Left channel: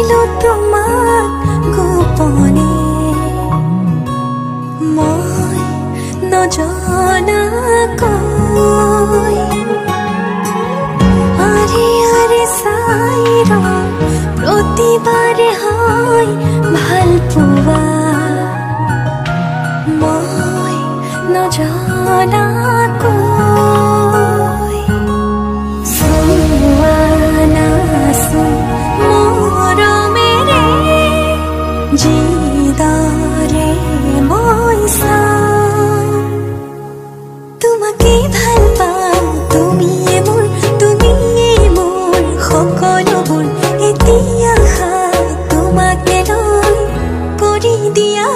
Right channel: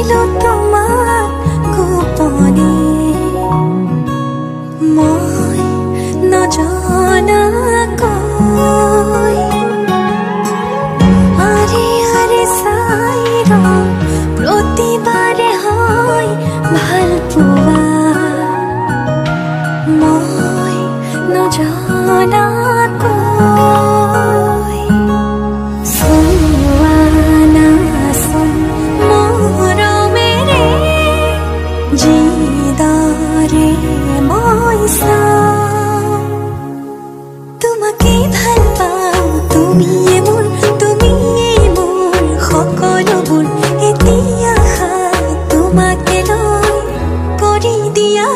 পাইলো তোমাক গোপনে মই নজনাকৈ আৰে আৰে চাই প্ৰতিবাৰে হয় ভাল পোৱা মই নজনাকৈ চোৱা নাচোন মৰমেৰে যিদৰে মই চাওঁ তোমাকে ভাল পাওঁ তুমিয়ে মোৰ সকলোবোৰ এতিয়া তোমাকে লৈ কৰি দিয়া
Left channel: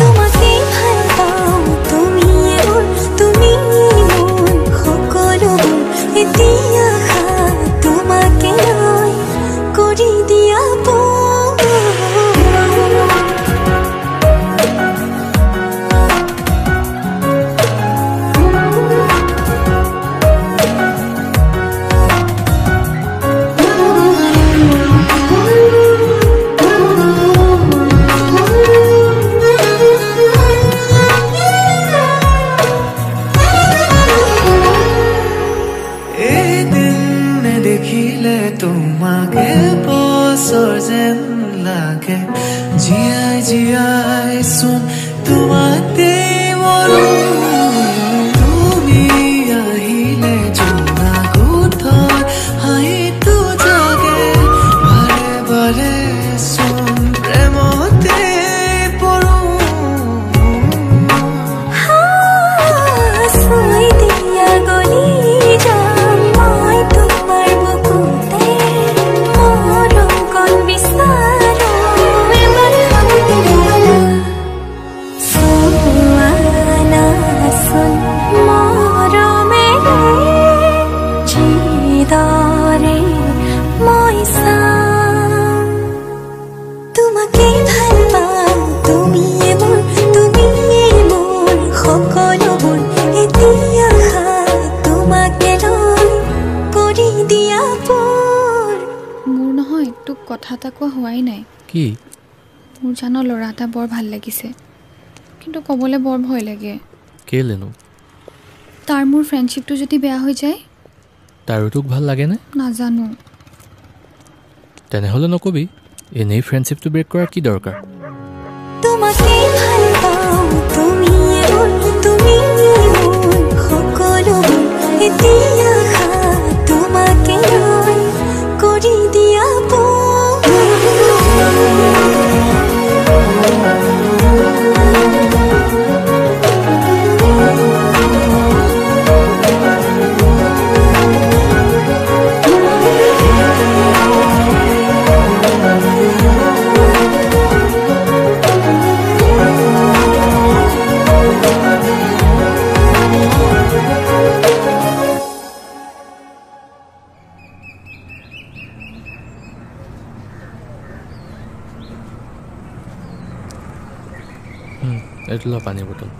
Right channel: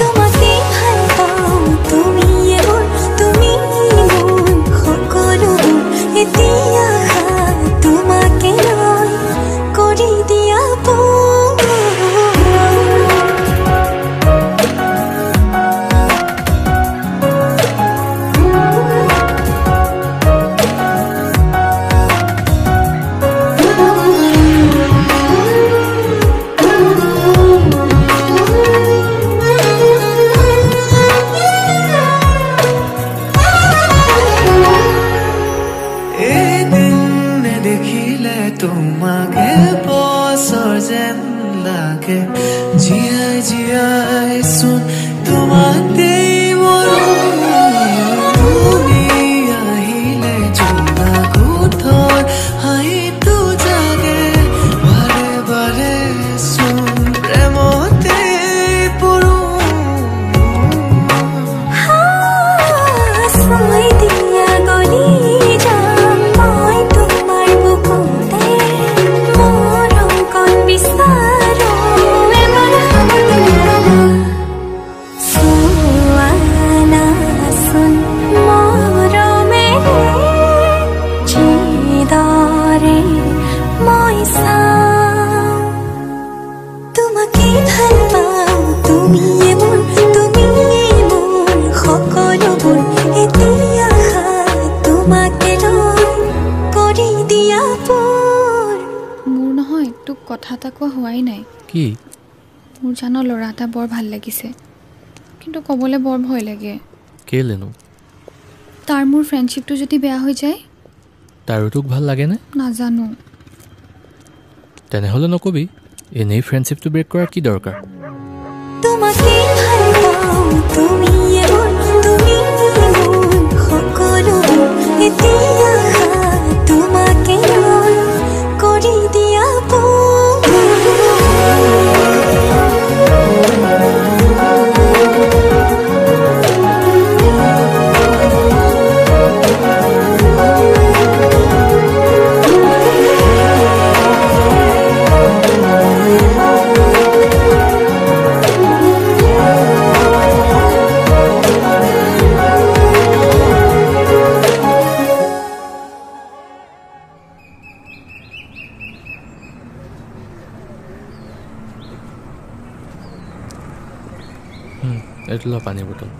তোমাকে ভাল পাওঁ তুমিয়ে মোৰ সকলোবোৰ এতিয়া তোমাকে লৈ কৰি দিয়া দেখিলে তোমাকে বছৰ যেন লাগে জীয়াই জীয়াই চোন তোমাতে মৰো তুমি আহিলে জোনা কোঠৰ হাঁহিটো জাগে বাৰে বাৰে চোন প্ৰেমতে পৰো মই চাওঁ তোমাকে ভাল পাওঁ তুমিয়ে মোৰ সকলোবোৰ এতিয়া তোমাকে লৈ কৰি দিয়া মোৰ নহয় তোক কথা এটা কোৱা হোৱাই নাই কি মোৰ জানো ল'ৰা এটা বৰ ভাল লাগিছে কিন্তু ক'বলৈ বৰ ভয় লাগে কেলেনো তাৰ মোৰ ফ্ৰেণ্ডশ্বিপটো যদি বেয়া হৈ যায় তাৰো তোক ভাল লাগেনে নাজানো তেনেহ'লে নকবি এনেই ফ্ৰেণ্ডশ্বিপটো ব্ৰেক কৰাৰ কি দৰকাৰ তোমাকে ভাল পাওঁ তুমিয়ে মোৰ সকলোবোৰ এতিয়া তোমাকে লৈ কৰি দিয়া এইটো ল পানী বটল